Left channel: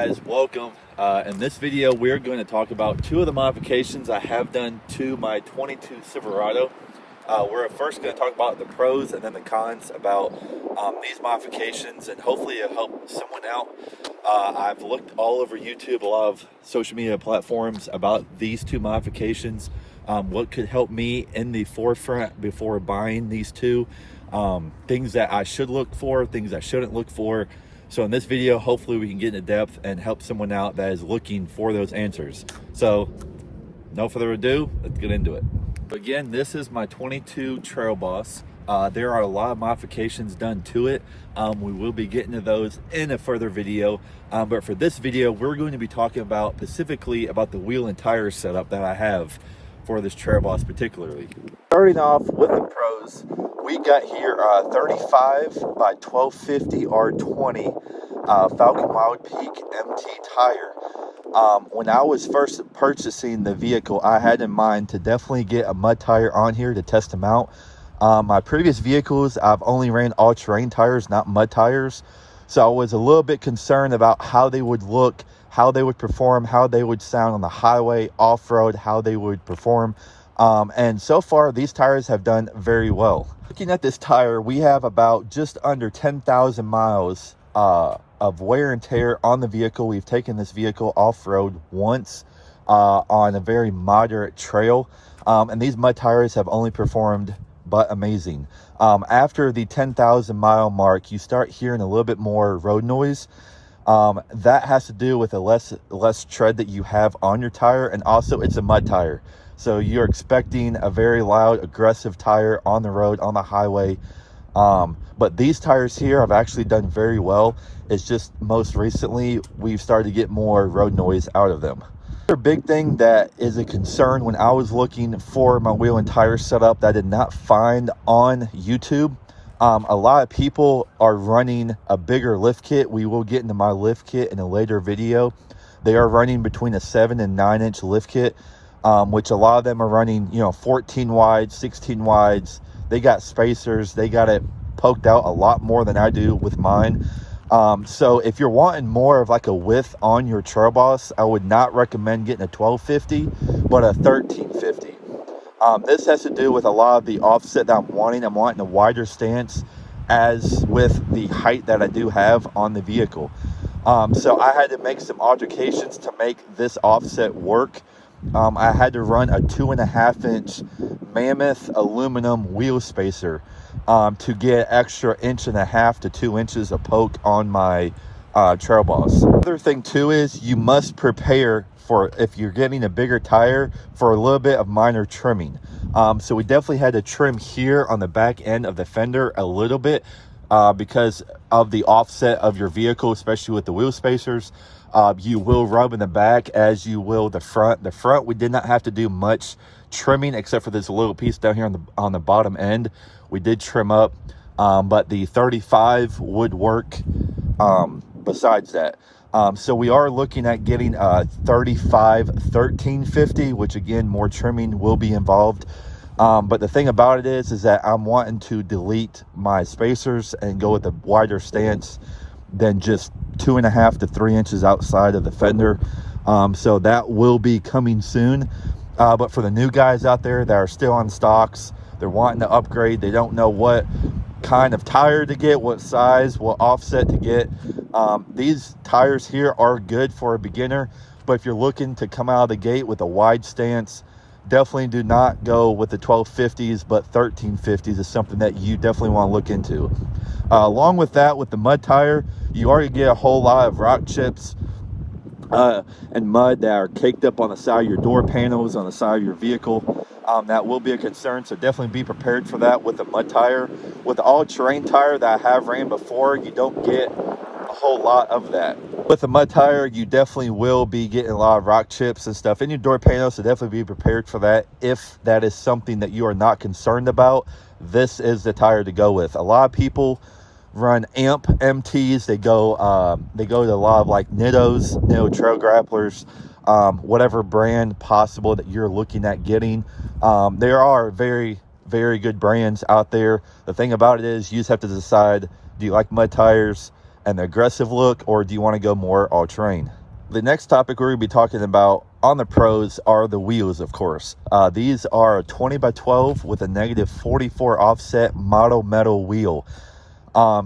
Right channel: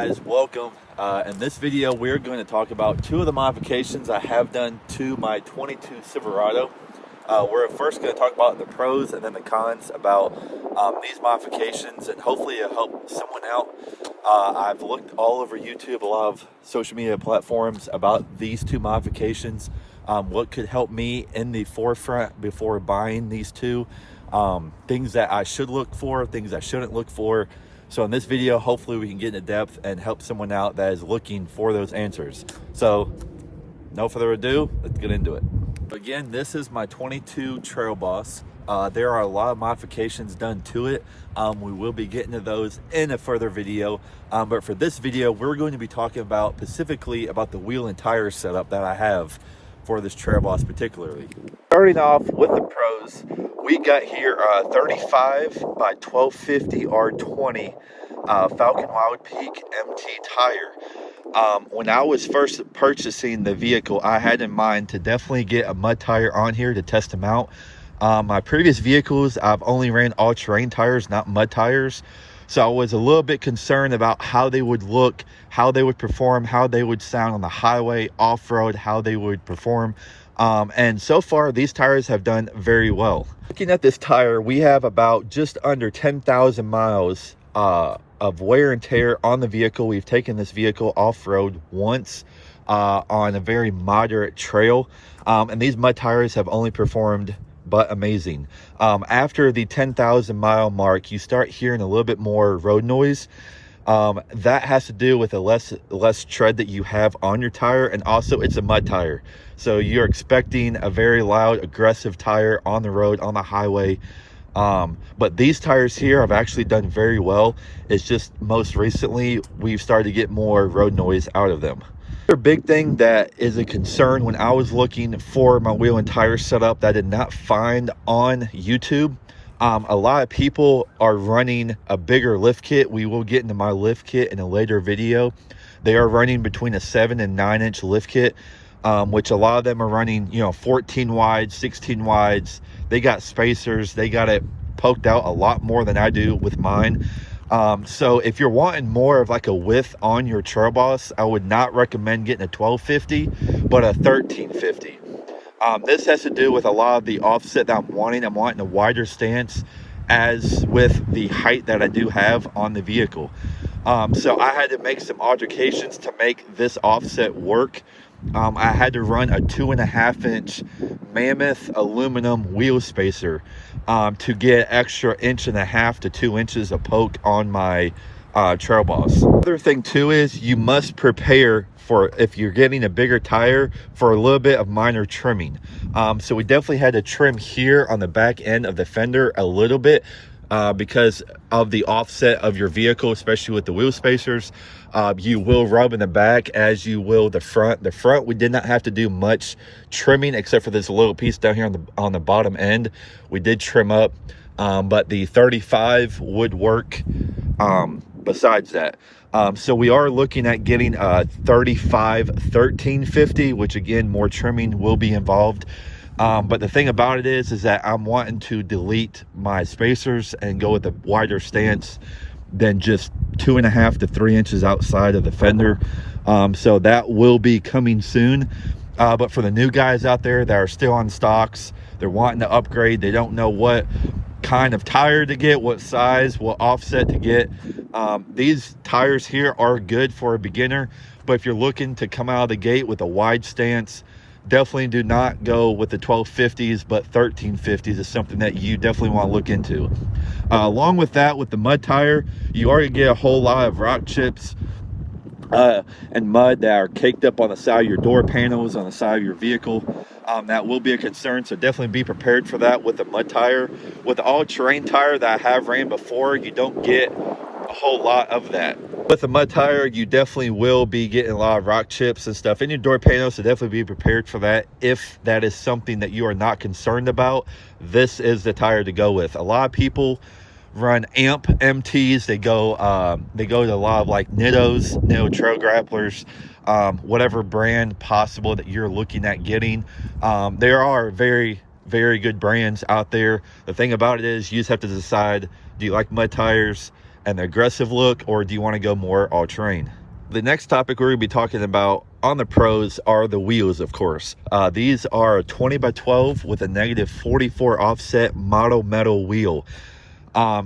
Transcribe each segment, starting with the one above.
guys, welcome. In this video we're going to talk about two of the modifications I have done to my 22 Silverado. We're first going to talk about the pros and then the cons about these modifications, and hopefully it'll help someone out. I've looked all over YouTube, a lot of social media platforms about these two modifications, what could help me in the forefront before buying these two, things that I should look for, things I shouldn't look for. So in this video, hopefully we can get into depth and help someone out that is looking for those answers. So no further ado, let's get into it. Again, this is my 22 Trailboss. There are a lot of modifications done to it. We will be getting to those in a further video. But for this video, we're going to be talking about specifically about the wheel and tire setup that I have for this Trailboss particularly. Starting off with the pros, we got here 35 by 1250 R20 Falken wildpeak MT tire. When I was first purchasing the vehicle, I had in mind to definitely get a mud tire on here to test them out. My previous vehicles, I've only ran all-terrain tires, not mud tires. So I was a little bit concerned about how they would look, how they would perform, how they would sound on the highway, off-road, how they would perform. And so far, these tires have done very well. Looking at this tire, we have about just under 10,000 miles of wear and tear on the vehicle. We've taken this vehicle off-road once on a very moderate trail. And these mud tires have only performed but amazing. After the 10,000 mile mark, you start hearing a little bit more road noise. That has to do with the less tread that you have on your tire, and also it's a mud tire. So you're expecting a very loud, aggressive tire on the road, on the highway. But these tires here have actually done very well. It's just most recently we've started to get more road noise out of them. Another big thing that is a concern when I was looking for my wheel and tire setup that I did not find on YouTube. A lot of people are running a bigger lift kit. We will get into my lift kit in a later video. They are running between a 7 and 9 inch lift kit, which a lot of them are running, 14 wides, 16 wides. They got spacers. They got it poked out a lot more than I do with mine. So if you're wanting more of like a width on your Trailboss, I would not recommend getting a 1250, but a 1350. This has to do with a lot of the offset that I'm wanting. I'm wanting a wider stance as with the height that I do have on the vehicle. So I had to make some alterations to make this offset work. I had to run a 2.5 inch Mammoth aluminum wheel spacer to get extra 1.5 to 2 inches of poke on my Trailboss. Other thing too is you must prepare for, if you're getting a bigger tire, for a little bit of minor trimming. So we definitely had to trim here on the back end of the fender a little bit because of the offset of your vehicle, especially with the wheel spacers. You will rub in the back as you will the front. The front, we did not have to do much trimming except for this little piece down here on the bottom end. We did trim up, but the 35 would work besides that. So we are looking at getting a 35 1350, which again, more trimming will be involved. But the thing about it is that I'm wanting to delete my spacers and go with a wider stance than just 2.5 to 3 inches outside of the fender. So that will be coming soon. But for the new guys out there that are still on stocks, they're wanting to upgrade, they don't know what kind of tire to get, what size, what offset to get. These tires here are good for a beginner, but if you're looking to come out of the gate with a wide stance, definitely do not go with the 1250s, but 1350s is something that you definitely want to look into. Along with that, with the mud tire, you already get a whole lot of rock chips and mud that are caked up on the side of your door panels, on the side of your vehicle. That will be a concern, so definitely be prepared for that with the mud tire. With the all-terrain tire that I have ran before, you don't get a whole lot of that. With the mud tire, you definitely will be getting a lot of rock chips and stuff in your door panels, so definitely be prepared for that. If that is something that you are not concerned about, this is the tire to go with. A lot of people run amp MTs. They go to a lot of like Nitto trail grapplers, whatever brand possible that you're looking at getting. There are very good brands out there. The thing about it is you just have to decide, do you like mud tires? and the aggressive look, or do you want to go more all-terrain? The next topic we're going to be talking about on the pros are the wheels, of course. These are a 20x12 with a -44 offset Moto metal wheel.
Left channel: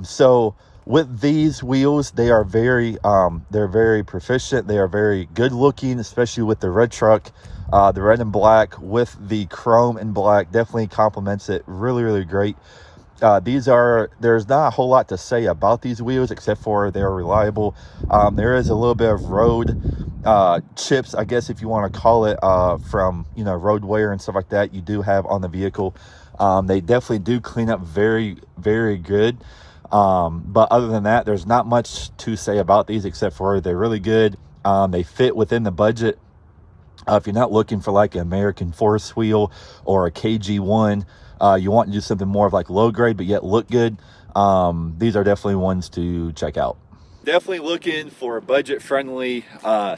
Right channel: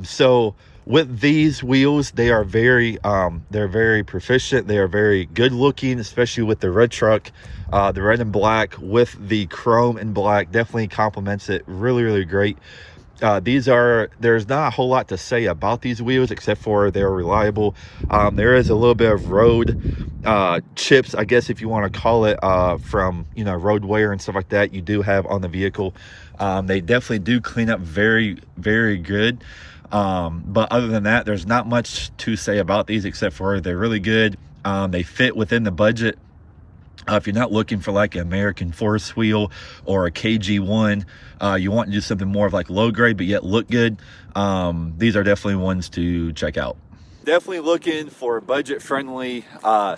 So with these wheels, they are they're very proficient. They are very good looking, especially with the red truck. The red and black with the chrome and black definitely complements it really great. There's not a whole lot to say about these wheels except for they're reliable. There is a little bit of road chips, I guess if you want to call it, from road wear and stuff like that you do have on the vehicle. They definitely do clean up very good. But other than that, there's not much to say about these except for they're really good. They fit within the budget. If you're not looking for like an American Force wheel or a KG1, you want to do something more of like low grade but yet look good, these are definitely ones to check out. Definitely looking for a budget friendly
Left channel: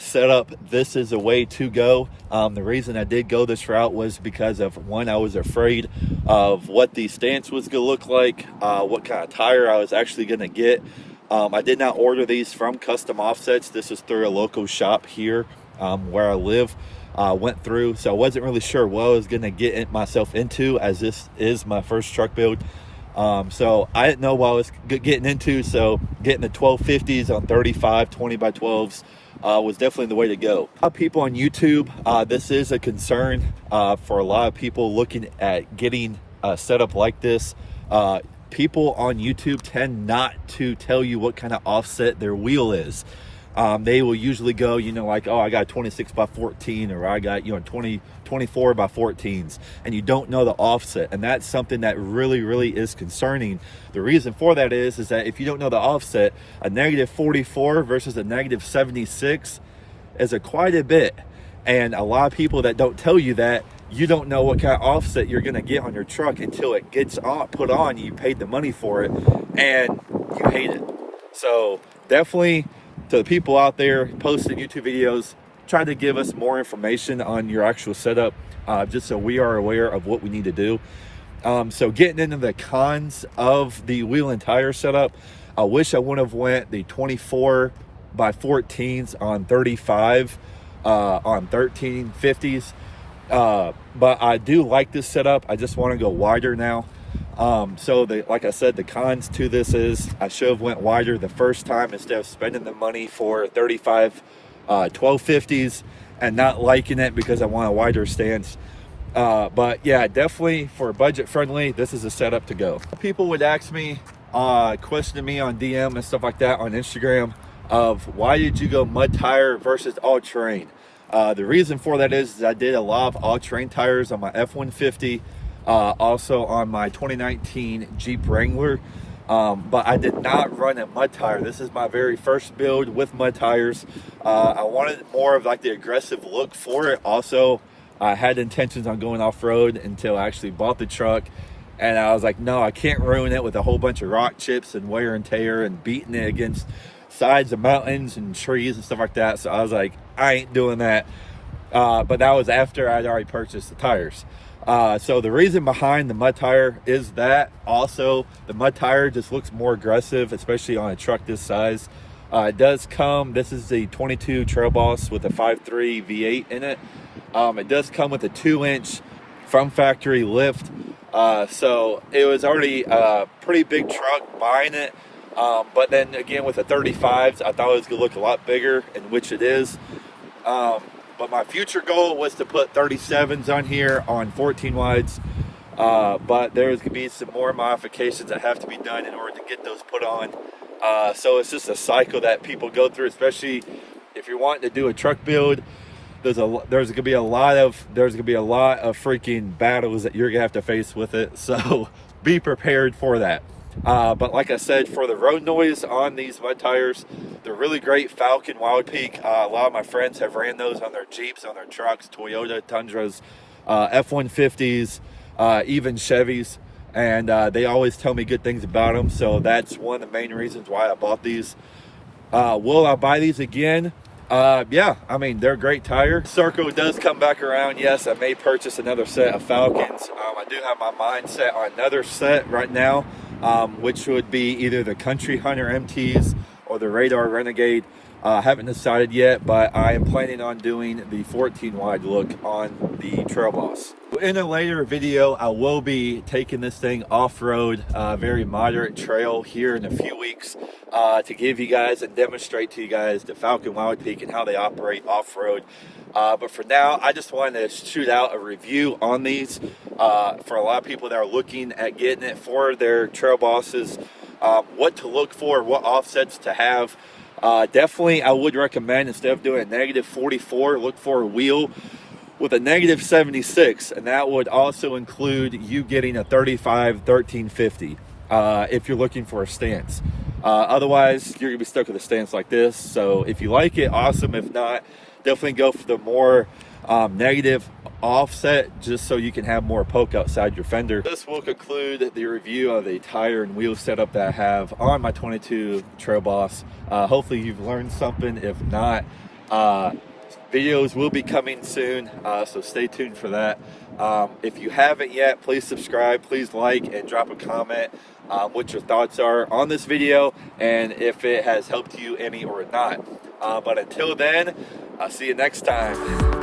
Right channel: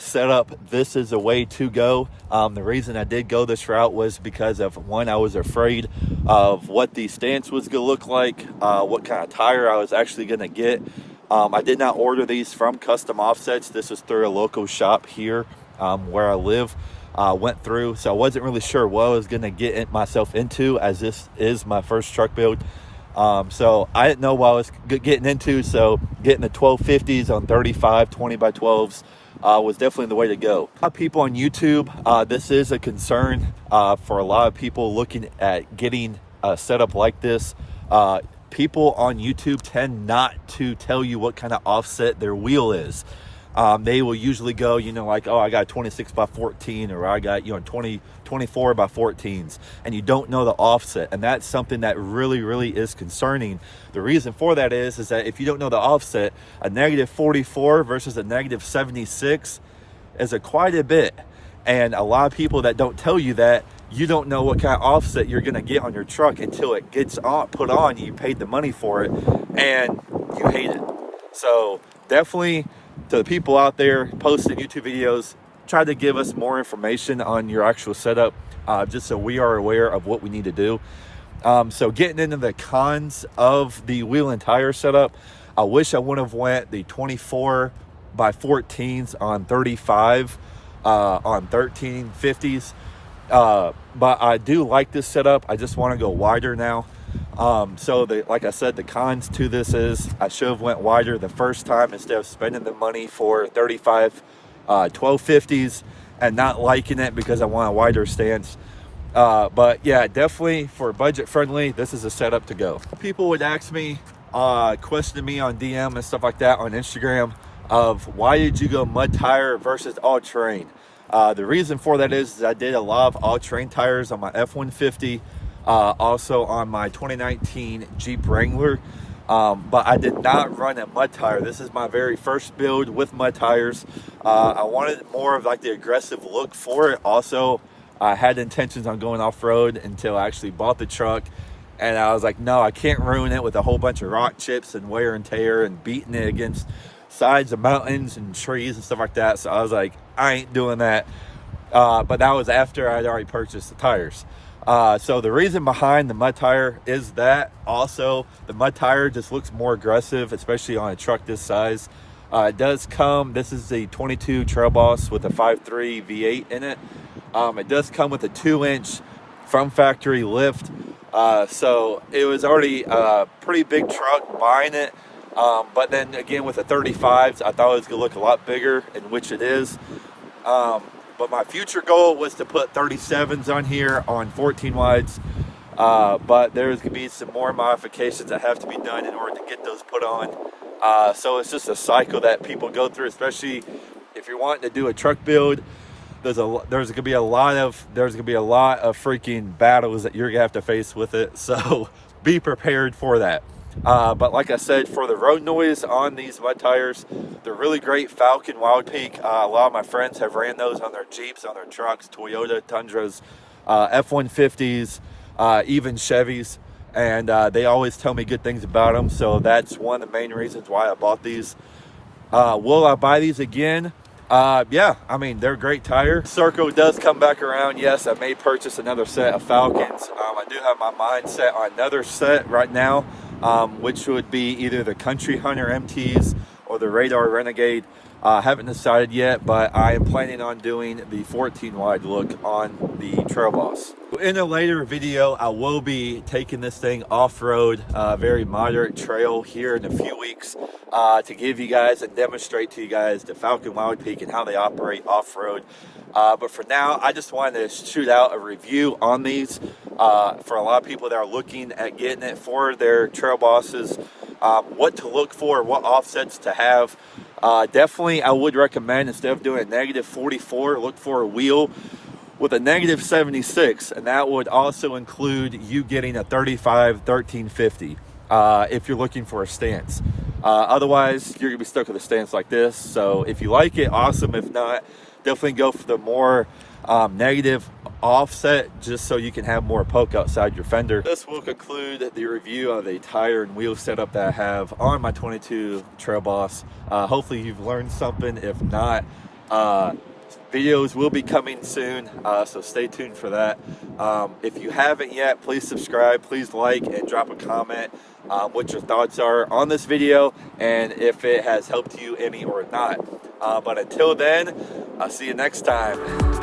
setup. This is a way to go. The reason I did go this route was because of one, I was afraid of what the stance was going to look like, what kind of tire I was actually going to get. I did not order these from Custom Offsets. This is through a local shop here where I live. Went through, so I wasn't really sure what I was going to get myself into, as this is my first truck build. So I didn't know what I was getting into, so getting the 1250s on 35 20x12s was definitely the way to go. A lot of people on YouTube, this is a concern for a lot of people looking at getting a setup like this. People on YouTube tend not to tell you what kind of offset their wheel is. They will usually go, like, oh, I got 26x14, or I got, 24x14s, and you don't know the offset. And that's something that really is concerning. The reason for that is that if you don't know the offset, a -44 versus a -76 is quite a bit. And a lot of people that don't tell you that, you don't know what kind of offset you're going to get on your truck until it gets put on. You paid the money for it and you hate it. So definitely, to the people out there posting YouTube videos, try to give us more information on your actual setup, just so we are aware of what we need to do. So getting into the cons of the wheel and tire setup, I wish I would have went the 24x14s on 35 on 1350s, but I do like this setup. I just want to go wider now. So like I said, the cons to this is I should have went wider the first time instead of spending the money for 35 1250s and not liking it because I want a wider stance. But yeah, definitely for budget friendly, this is a setup to go. People would ask me, questioning me on DM and stuff like that on Instagram, of why did you go mud tire versus all terrain? The reason for that is I did a lot of all terrain tires on my F-150. Also on my 2019 Jeep Wrangler, but I did not run a mud tire. This is my very first build with mud tires. I wanted more of like the aggressive look for it. Also, I had intentions on going off-road until I actually bought the truck, and I was like, no, I can't ruin it with a whole bunch of rock chips and wear and tear and beating it against sides of mountains and trees and stuff like that. So I was like, I ain't doing that. But that was after I'd already purchased the tires. So the reason behind the mud tire is that also the mud tire just looks more aggressive, especially on a truck this size. It does come, this is the 22 Trailboss with a 5.3 V8 in it. It does come with a 2-inch from factory lift. So it was already a pretty big truck buying it. But then again, with the 35s, I thought it was gonna look a lot bigger, in which it is. But my future goal was to put 37s on here on 14 wides. But there's going to be some more modifications that have to be done in order to get those put on. So it's just a cycle that people go through, especially if you're wanting to do a truck build. There's going to be a lot of freaking battles that you're going to have to face with it. So be prepared for that. But like I said, for the road noise on these mud tires, they're really great. Falken, wildpeak. A lot of my friends have ran those on their Jeeps, on their trucks, Toyota Tundras, F-150s, even Chevys. And they always tell me good things about them. So that's one of the main reasons why I bought these. Will I buy these again? Yeah, I mean, they're a great tire. Circle does come back around. Yes, I may purchase another set of Falcons. I do have my mind set on another set right now. which would be either the Country Hunter MTs or the Radar Renegade. Haven't decided yet, but I am planning on doing the 14 wide look on the Trailboss. In a later video, I will be taking this thing off-road, very moderate trail here in a few weeks, to give you guys and demonstrate to you guys the Falken wildpeak and how they operate off-road. But for now, I just wanted to shoot out a review on these for a lot of people that are looking at getting it for their trail bosses, what to look for, what offsets to have. Definitely, I would recommend, instead of doing a negative 44, look for a wheel with a negative 76, and that would also include you getting a 35 1350 if you're looking for a stance. Otherwise, you're gonna be stuck with a stance like this. So if you like it, awesome. If not, definitely go for the more negative offset, just so you can have more poke outside your fender. This will conclude the review of the tire and wheel setup that I have on my 22 Trailboss. Hopefully you've learned something. If not, videos will be coming soon, so stay tuned for that. If you haven't yet, please subscribe, please like, and drop a comment what your thoughts are on this video and if it has helped you any or not. But until then, I'll see you next time.